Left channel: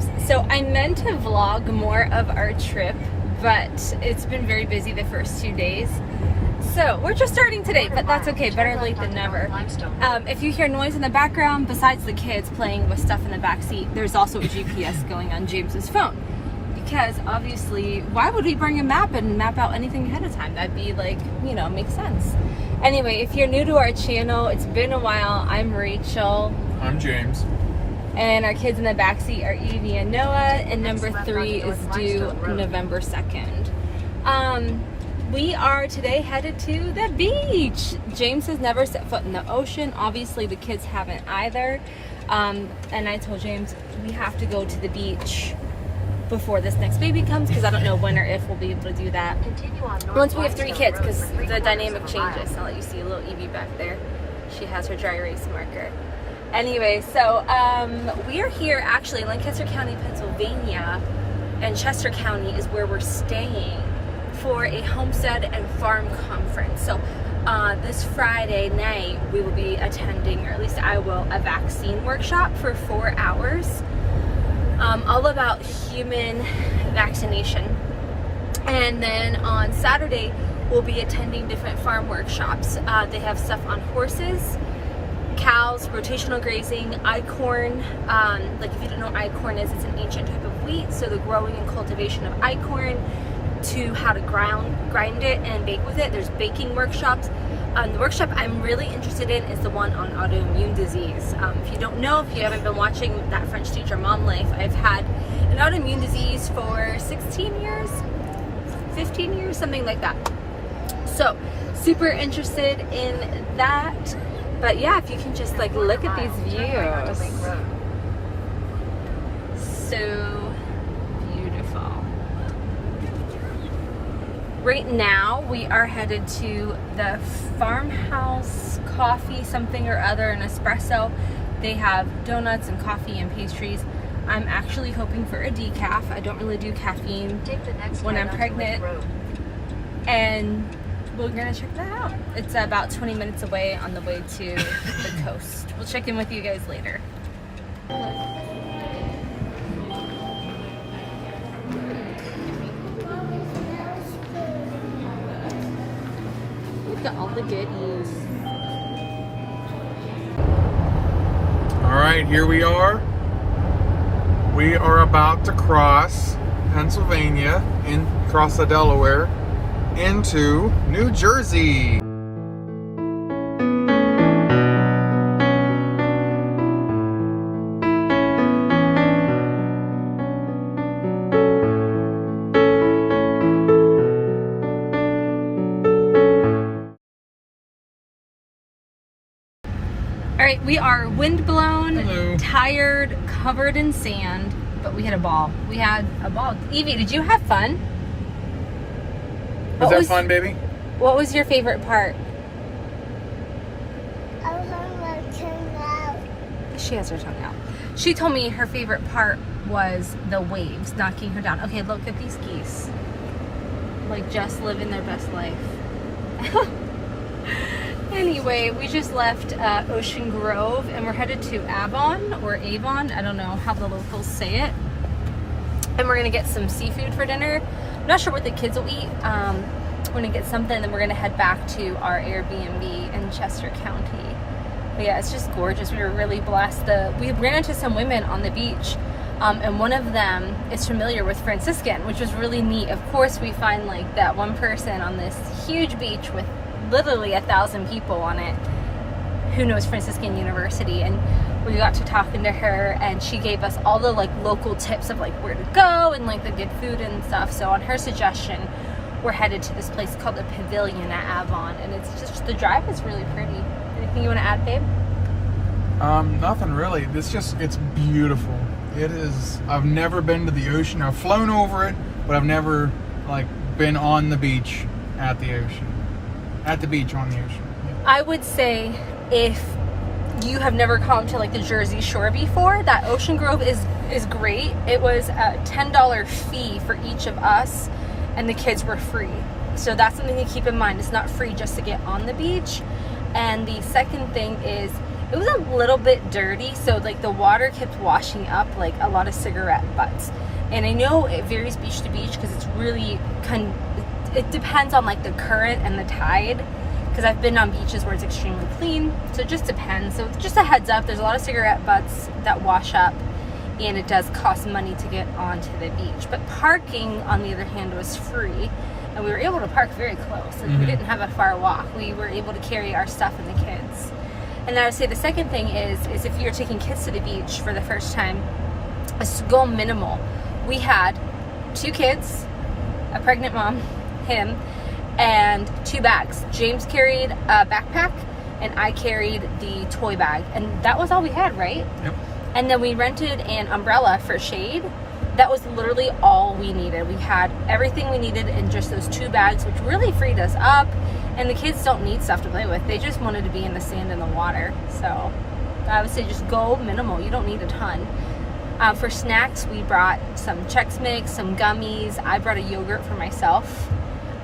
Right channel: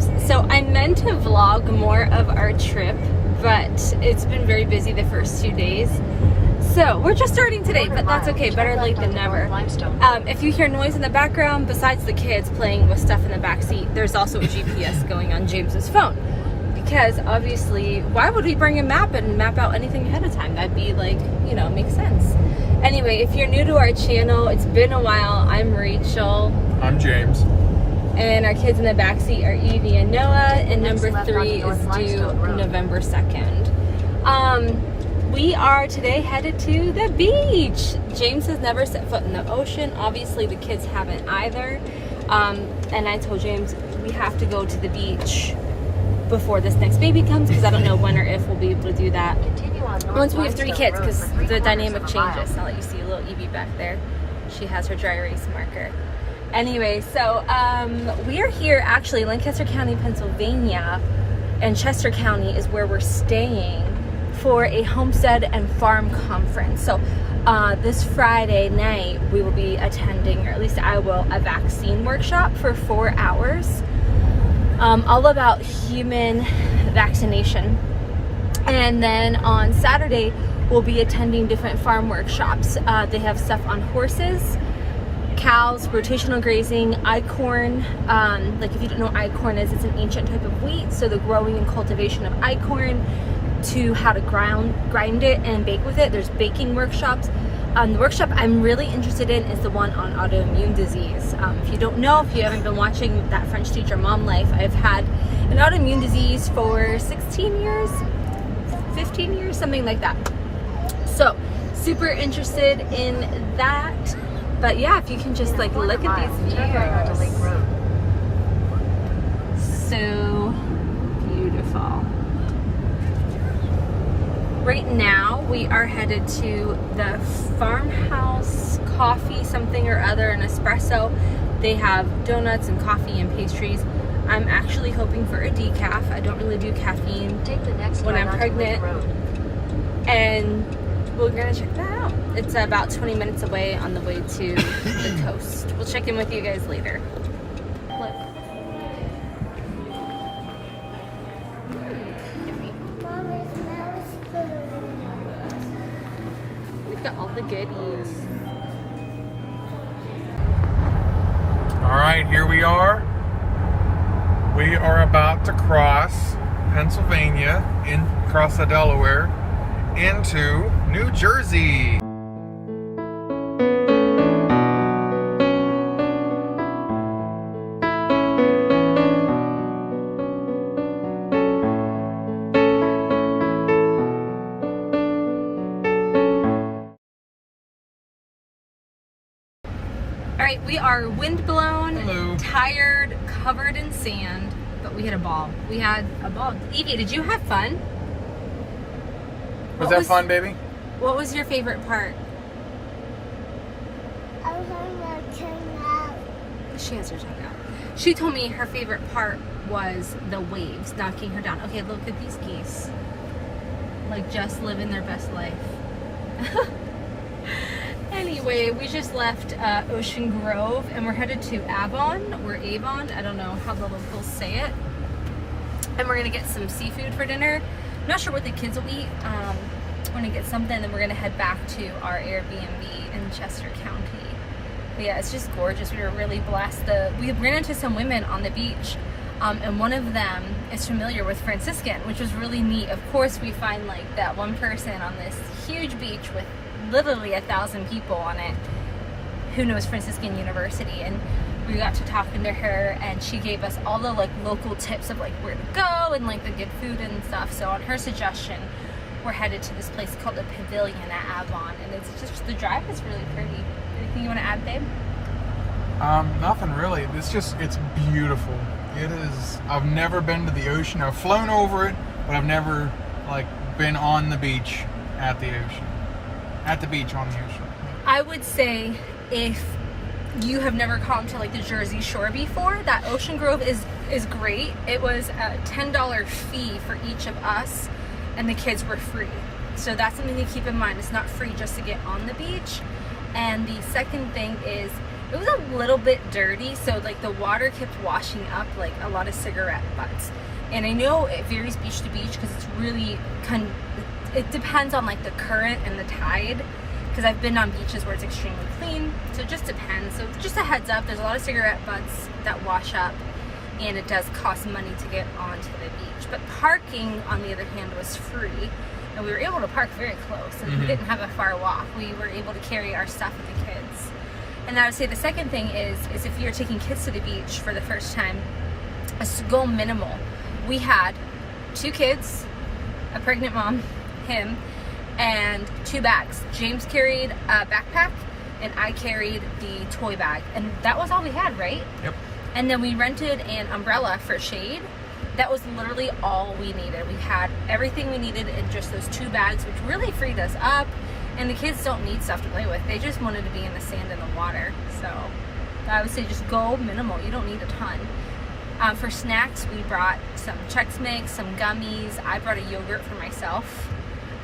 storms. So I meant to vlog more of our trip, but it's been very busy the first 2 days. So we're just starting today, but that's okay. Better late than never. If you hear noise in the background, besides the kids playing with stuff in the back seat, there's also a GPS going on James's phone. Because obviously, why would we bring a map and map out anything ahead of time? That'd be like, you know, makes sense. Anyway, if you're new to our channel, it's been a while. I'm Rachel. I'm James. And our kids in the backseat are Evie and Noah, and number 3 is due November 2nd. We are today headed to the beach. James has never set foot in the ocean. Obviously, the kids haven't either. And I told James we have to go to the beach before this next baby comes, because I don't know when or if we'll be able to do that once we have 3 kids, because the dynamic changes. I'll let you see a little Evie back there. She has her dry erase marker. Anyway, so we are here actually in Lancaster County, Pennsylvania, and Chester County is where we're staying for a homestead and farm conference. So this Friday night we will be attending, or at least I will, a vaccine workshop for 4 hours, all about human vaccination. And then on Saturday we'll be attending different farm workshops. They have stuff on horses, cows, rotational grazing, einkorn. Like, if you don't know what einkorn is, it's an ancient type of wheat. So the growing and cultivation of einkorn, to how to grind it and bake with it. There's baking workshops. The workshop I'm really interested in is the one on autoimmune disease. If you don't know, if you haven't been watching that French teacher mom life, I've had an autoimmune disease for 16 years, 15 years, something like that. So super interested in that. But yeah, if you can just like look at these views. So beautiful. Right now we are headed to the farmhouse coffee something or other, an espresso. They have donuts and coffee and pastries. I'm actually hoping for a decaf. I don't really do caffeine when I'm pregnant. And we're gonna check that out. It's about 20 minutes away on the way to the coast. We'll check in with you guys later. Look. Look at all the goodies. All right, here we are. We are about to cross Pennsylvania, cross the Delaware, into New Jersey. All right, we are windblown, tired, covered in sand, but we had a ball. We had a ball. Evie, did you have fun? Was that fun, baby? What was your favorite part? I was having my tongue out. She has her tongue out. She told me her favorite part was the waves knocking her down. Okay, look at these geese. Like, just living their best life. Anyway, we just left Ocean Grove and we're headed to Avon or Avon. I don't know how the locals say it. And we're gonna get some seafood for dinner. I'm not sure what the kids will eat. We're gonna get something, then we're gonna head back to our Airbnb in Chester County. But yeah, it's just gorgeous. We were really blessed. We ran into some women on the beach, and one of them is familiar with Franciscan, which was really neat. Of course, we find like that one person on this huge beach with literally 1,000 people on it who knows Franciscan University, and we got to talking to her, and she gave us all the like local tips of like where to go and like the good food and stuff. So on her suggestion, we're headed to this place called the Pavilion at Avon, and it's just, the drive is really pretty. Anything you want to add, babe? Nothing really. It's beautiful. It is. I've never been to the ocean. I've flown over it, but I've never like been on the beach at the ocean. At the beach on the ocean. I would say if you have never come to like the Jersey Shore before, that Ocean Grove is great. It was a $10 fee for each of us, and the kids were free. So that's something to keep in mind. It's not free just to get on the beach. And the second thing is, It was a little bit dirty, so like the water kept washing up like a lot of cigarette butts. And I know it varies beach to beach because it's really it depends on like the current and the tide. Because I've been on beaches where it's extremely clean, so it just depends. So just a heads up, there's a lot of cigarette butts that wash up, and it does cost money to get onto the beach. But parking, on the other hand, was free, and we were able to park very close. So we didn't have a far walk. We were able to carry our stuff and the kids. And I would say the second thing is if you're taking kids to the beach for the first time, is to go minimal. We had 2 kids, a pregnant mom, him, and 2 bags. James carried a backpack and I carried the toy bag, and that was all we had, right? Yep. And then we rented an umbrella for shade. That was literally all we needed. We had everything we needed in just those 2 bags, which really freed us up. And the kids don't need stuff to play with. They just wanted to be in the sand and the water. So I would say just go minimal. You don't need a ton. For snacks, we brought some Chex Mix, some gummies. I brought a yogurt for myself.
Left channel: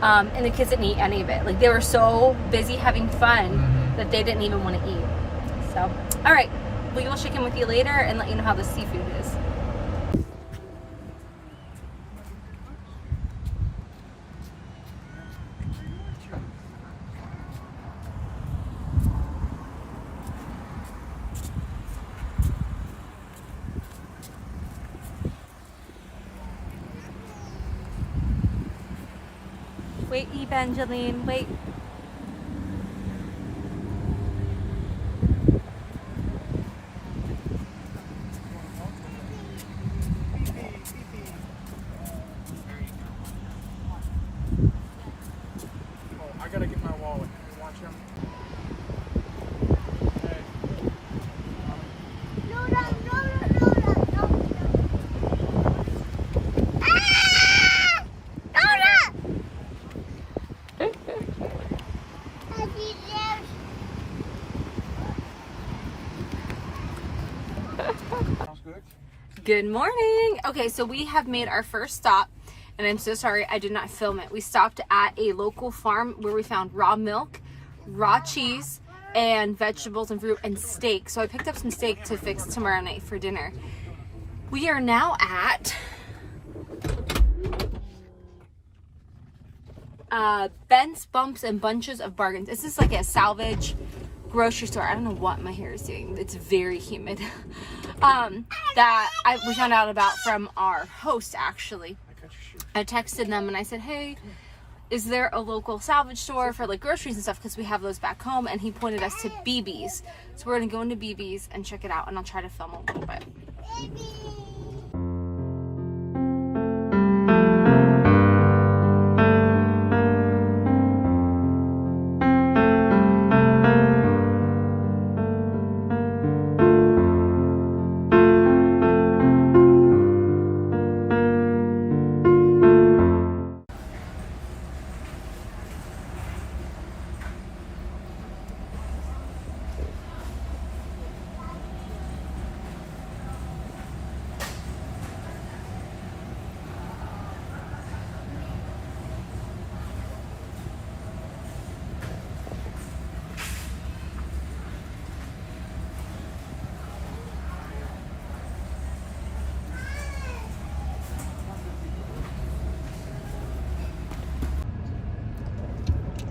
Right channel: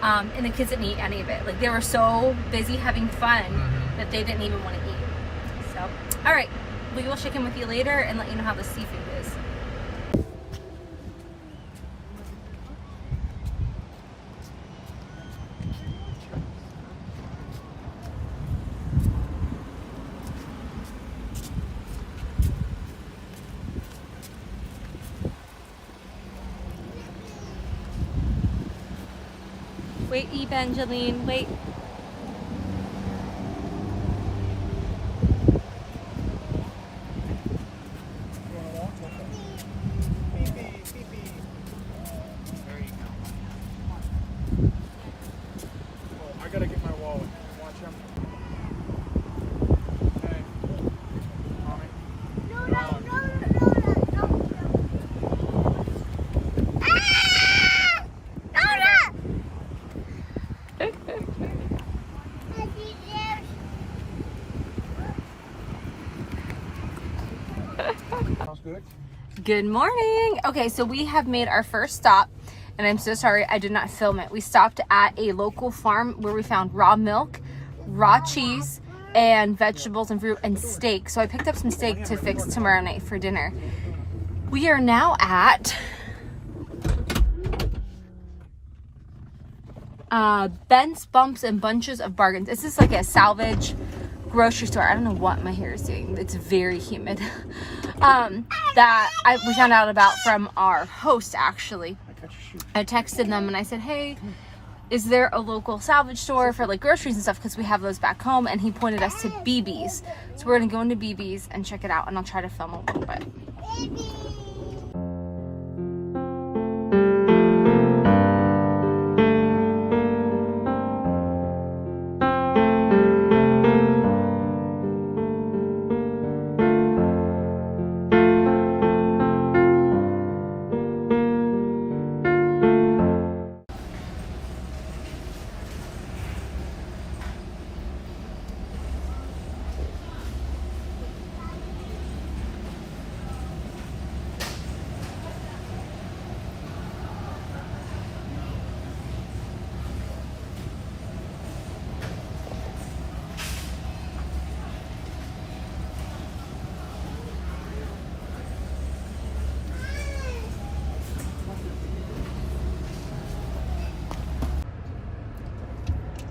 And the kids didn't eat any of it. Like, they were so busy having fun that they didn't even want to eat. So, all right, we will check in with you later and let you know how the seafood is. Wait, Evangeline, wait. I gotta get my wallet. Watch him. Hey. No. Ah! Sounds good. Good morning. Okay, so we have made our first stop, and I'm so sorry I did not film it. We stopped at a local farm where we found raw milk, raw cheese, and vegetables and fruit and steak. So I picked up some steak to fix tomorrow night for dinner. We are now at Bent's Bumps and Bunches of Bargains. This is like a salvage grocery store. I don't know what my hair is doing. It's very humid. We found out about from our host, actually. I texted them and I said, hey, is there a local salvage store for like groceries and stuff, because we have those back home? And he pointed us to BB's. So we're gonna go into BB's and check it out, and I'll try to film a little bit.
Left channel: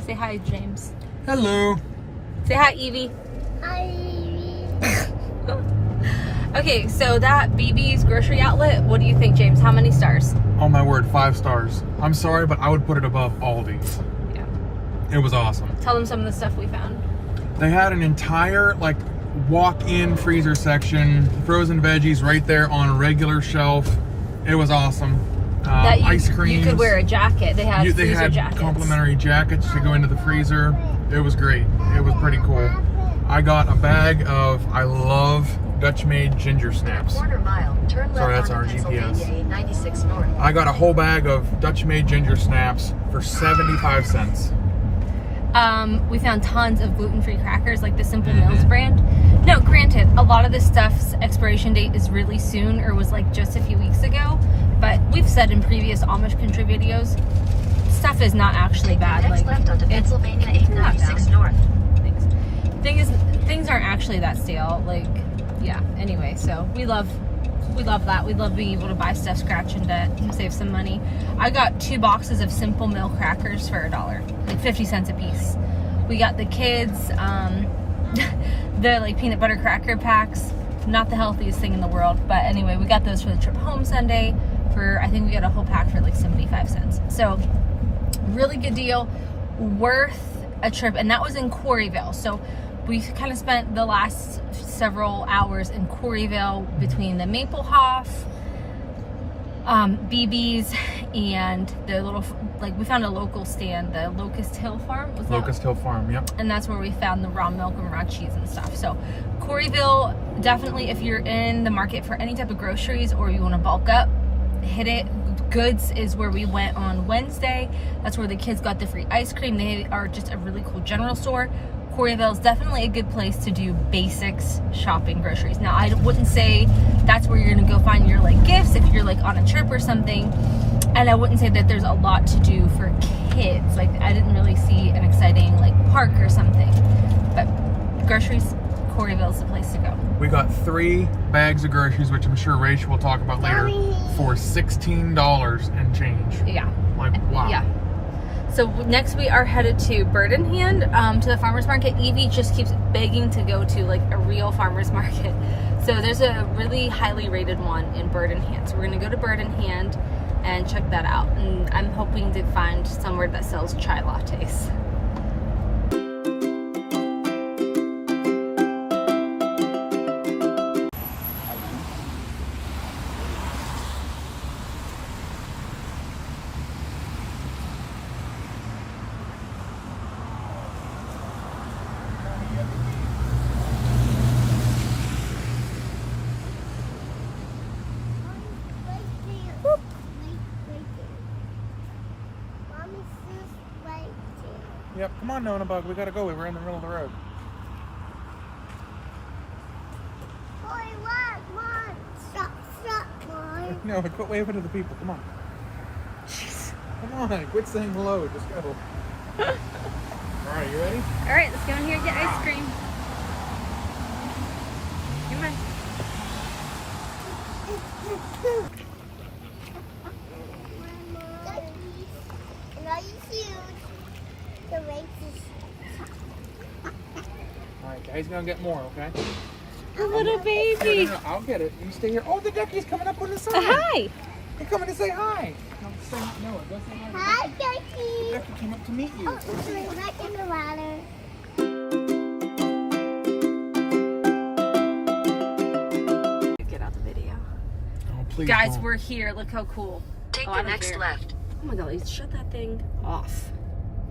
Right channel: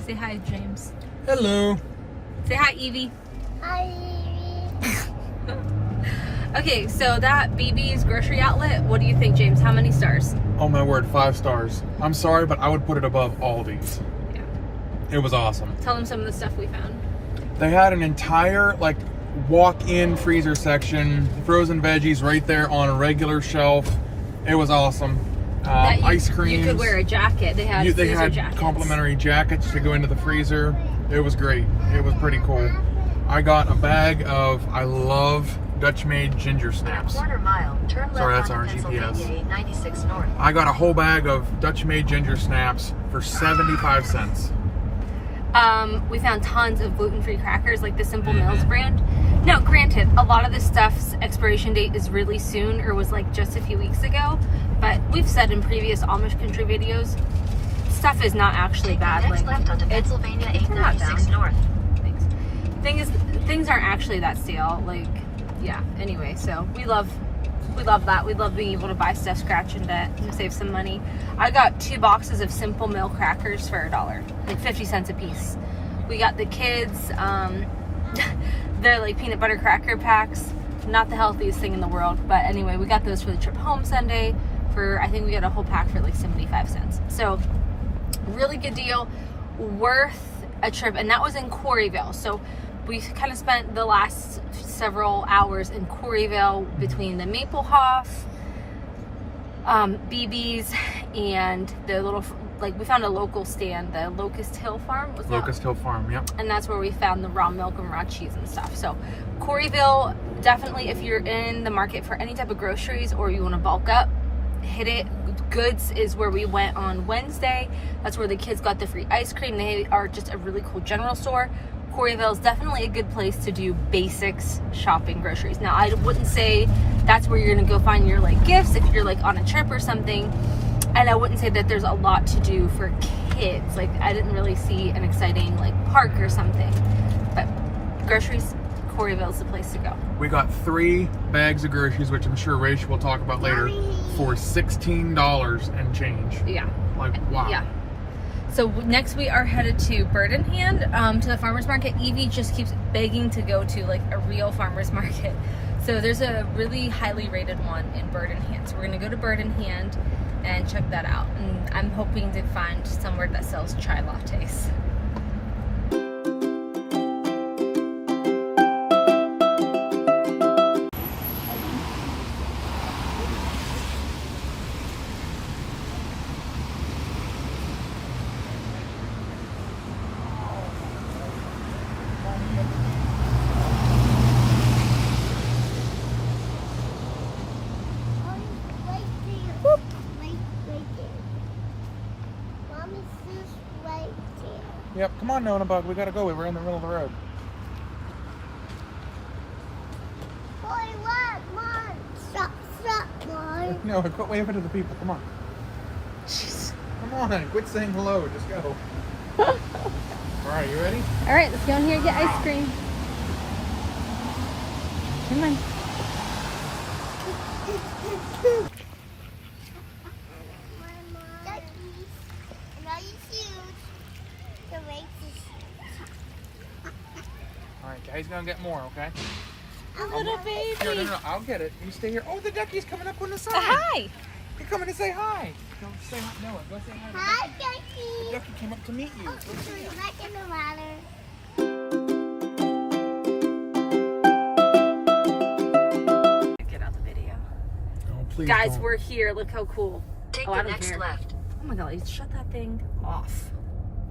Say hi, James. Hello. Say hi, Evie. Hi. Okay, so that BB's grocery outlet, what do you think, James? How many stars? Oh my word, 5 stars. I'm sorry, but I would put it above Aldi's. Yeah. It was awesome. Tell them some of the stuff we found. They had an entire like walk-in freezer section, frozen veggies right there on a regular shelf. It was awesome. Ice cream. You could wear a jacket. They had jackets. Complimentary jackets to go into the freezer. It was great. It was pretty cool. I got a bag of, I love Dutch-made ginger snaps. Sorry, that's our GPS. I got a whole bag of Dutch-made ginger snaps for 75 cents. We found tons of gluten-free crackers, like the Simple Mills brand. Now, granted, a lot of this stuff's expiration date is really soon, or was like just a few weeks ago. But we've said in previous Amish country videos, stuff is not actually bad. Like, it's not down. Thing is, things aren't actually that stale. Like, yeah. Anyway, so we love that. We love being able to buy stuff scratch and debt and save some money. I got 2 boxes of Simple Milk crackers for $1, like 50 cents a piece. We got the kids the like peanut butter cracker packs. Not the healthiest thing in the world, but anyway, we got those for the trip home Sunday. For I think we got a whole pack for like 75 cents. So really good deal, worth a trip, and that was in Quarryville. So we kind of spent the last several hours in Quarryville between the Maplehoff, BB's, and the little, like, we found a local stand, the Locust Hill Farm. Locust Hill Farm, yep. And that's where we found the raw milk and raw cheese and stuff. So Quarryville, definitely, if you're in the market for any type of groceries or you want to bulk up, hit it. Goods is where we went on Wednesday. That's where the kids got the free ice cream. They are just a really cool general store. Quarryville is definitely a good place to do basics shopping, groceries. Now, I wouldn't say that's where you're gonna go find your like gifts if you're like on a trip or something. And I wouldn't say that there's a lot to do for kids. Like, I didn't really see an exciting like park or something. But groceries, Quarryville is the place to go. We got 3 bags of groceries, which I'm sure Rachel will talk about later, for $16 and change. Yeah. Like, wow. Yeah. So next we are headed to Bird in Hand, to the farmer's market. Evie just keeps begging to go to like a real farmer's market. So there's a really highly rated one in Bird in Hand. So we're gonna go to Bird in Hand and check that out. And I'm hoping to find somewhere that sells chai lattes. Yep, come on, Nona Bug, we gotta go. We're in the middle of the road. Stop, Mom. No, quit waving to the people. Come on. Jeez. Come on, quit saying hello. Just go. Alright, you ready? All right, let's go in here and get ice cream. Come on. Alright, guys, gonna get more, okay? A little baby. Here, no, I'll get it. You stay here. Oh, the duckie's coming up on the side. Hi. You're coming to say hi. No, say no. Go say hi. Hi, The Ducky. ducky came up to meet you. Oh, it's my back in the ladder. Get out the video. Oh, please Guys, don't. we're here. Look how cool. Take I the don't next care. left. Oh my god, let's shut that thing off.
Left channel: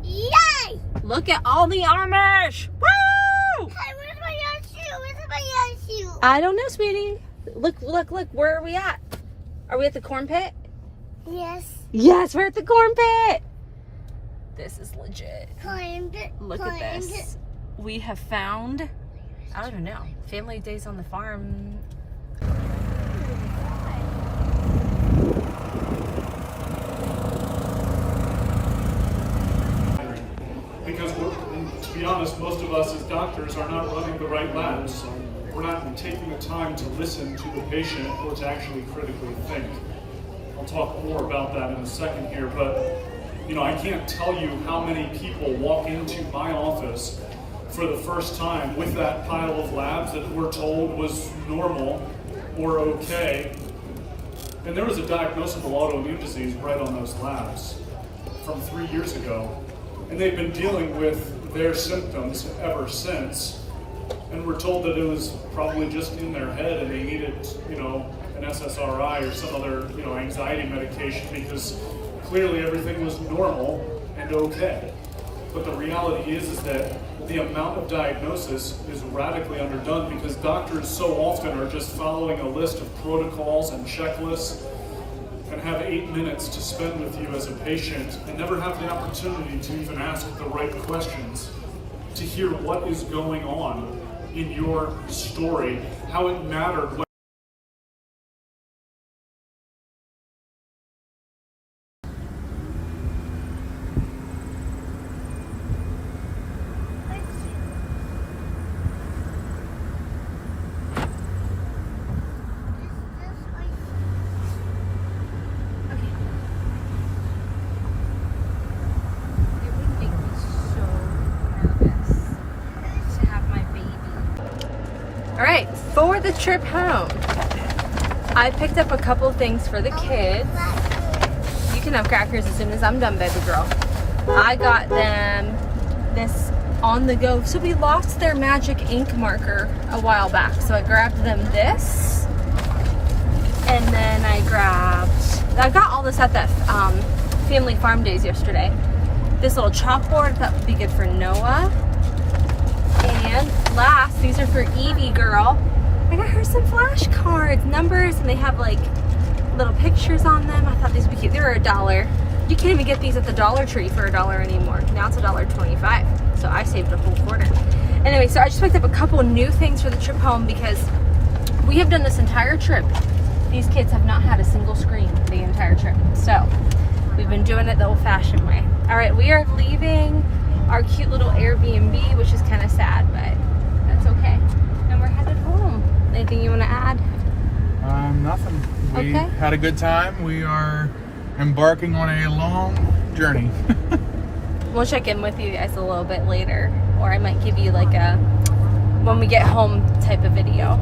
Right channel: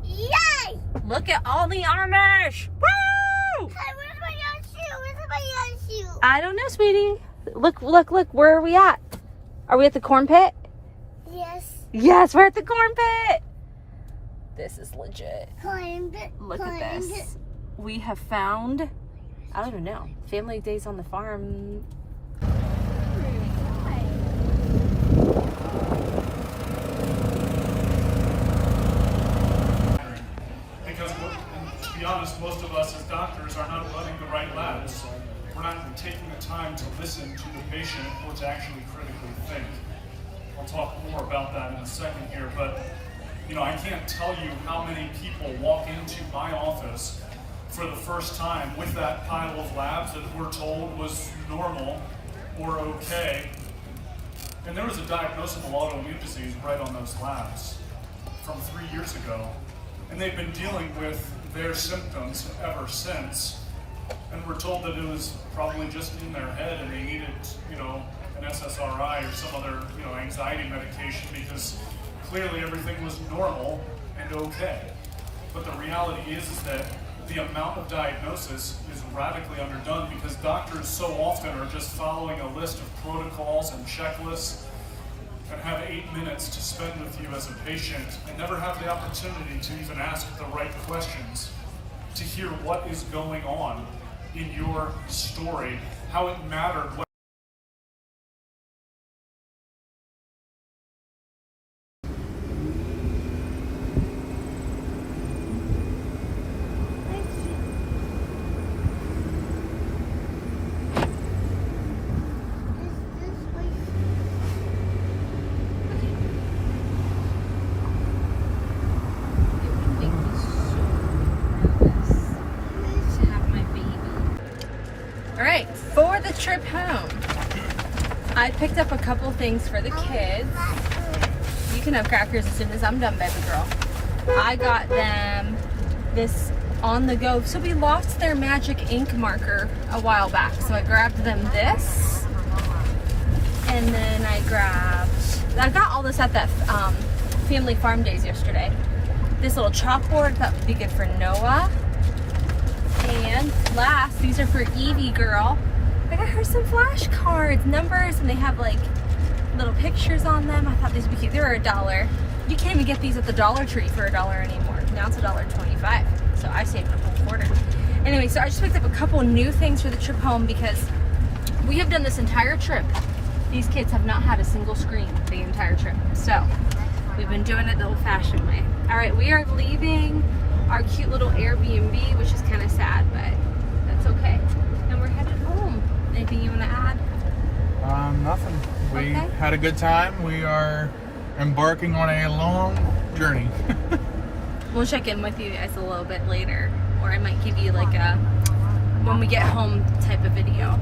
Yay! Look at all the Amish. Woo! Hey, where's my young shoe? Where's my young shoe? I don't know, sweetie. Look, look, look. Where are we at? Are we at the corn pit? Yes. Yes, we're at the corn pit. This is legit. Climbed it. Look at this. We have found, I don't even know, family days on the farm. Because to be honest, most of us as doctors are not running the right labs. We're not taking the time to listen to the patient or to actually critically think. I'll talk more about that in a second here, but I can't tell you how many people walk into my office for the first time with that pile of labs that we're told was normal or okay. And there was a diagnosable autoimmune disease right on those labs from 3 years ago. And they've been dealing with their symptoms ever since. And we're told that it was probably just in their head and they needed, an SSRI or some other, anxiety medication because clearly everything was normal and okay. But the reality is that the amount of diagnosis is radically underdone because doctors so often are just following a list of protocols and checklists and have 8 minutes to spend with you as a patient and never have the opportunity to even ask the right questions, to hear what is going on in your story, how it mattered. trip home, I picked up a couple things for the kids. You can have crackers as soon as I'm done, baby girl. I got them this on the go. So we lost their magic ink marker a while back. So I grabbed them this. And then I got all this at that family farm days yesterday. This little chalkboard that would be good for Noah. And last, these are for Evie girl. I got her some flashcards, numbers, and they have like little pictures on them. I thought these would be cute. They were $1. You can't even get these at the Dollar Tree for $1 anymore. Now it's $1.25. So I saved a full quarter. Anyway, so I just picked up a couple new things for the trip home because we have done this entire trip. These kids have not had a single screen the entire trip. So we've been doing it the old-fashioned way. All right, we are leaving our cute little Airbnb, which is kind of sad, but that's okay. And we're headed home. Anything you want to add? Nothing. We Okay. had a good time. We are embarking on a long journey. We'll check in with you guys a little bit later, or I might give you like a when we get home type of video.